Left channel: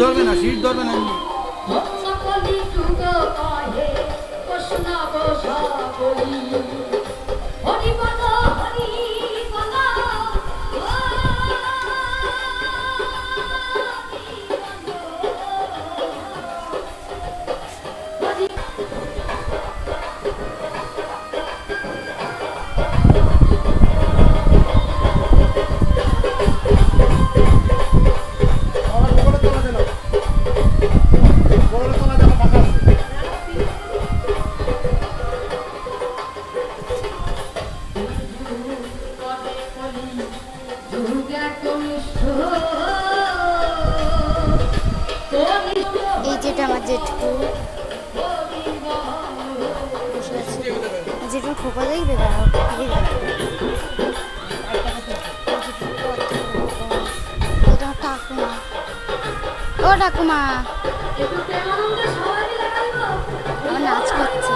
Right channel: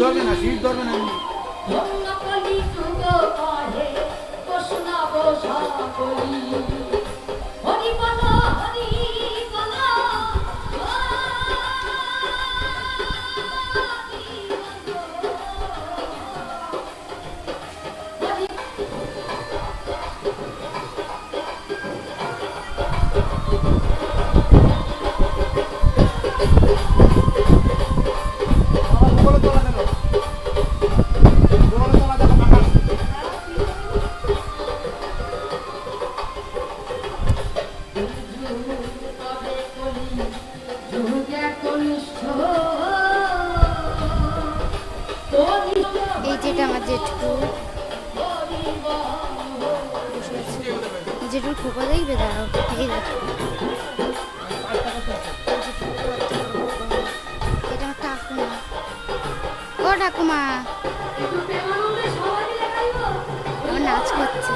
ধরবে না, সিট ধরবে না এমনি। এই যেটা আমার জেঠু বসে আছে, জেঠুর খোপা দেখবে দাঁড়াও, এই দেখো এটা আমার ঠাকুমা। ও ঠাকুমা, আমার নাচ করছে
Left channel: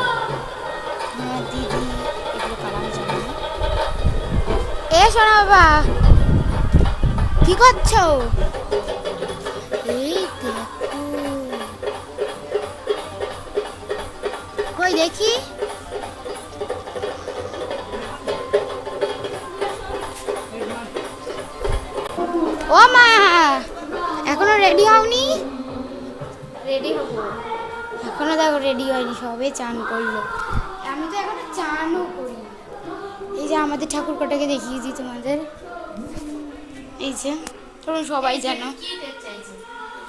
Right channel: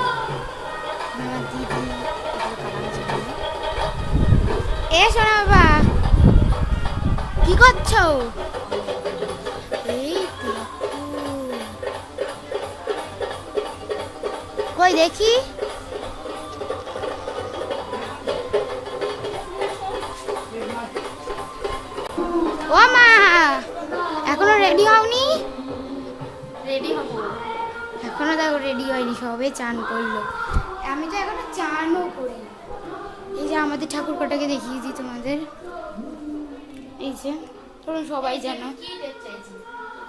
আমার দিদি, এগুলো কালার জন্য। এ শোনা বাবা, কি করছো? এই দেখো, কই দেখি, ও মা এখনো রেডি হওনি? রেডি হবো এখনো, দেখো রেডি হয়নি, সবে চান করলো, আমি তো এখনো চানও করি। এই যে আমাদের ঠাকুর কটাকে দেখিয়ে দিই তোমাদের, এই যে তোমরা সবাই জানো।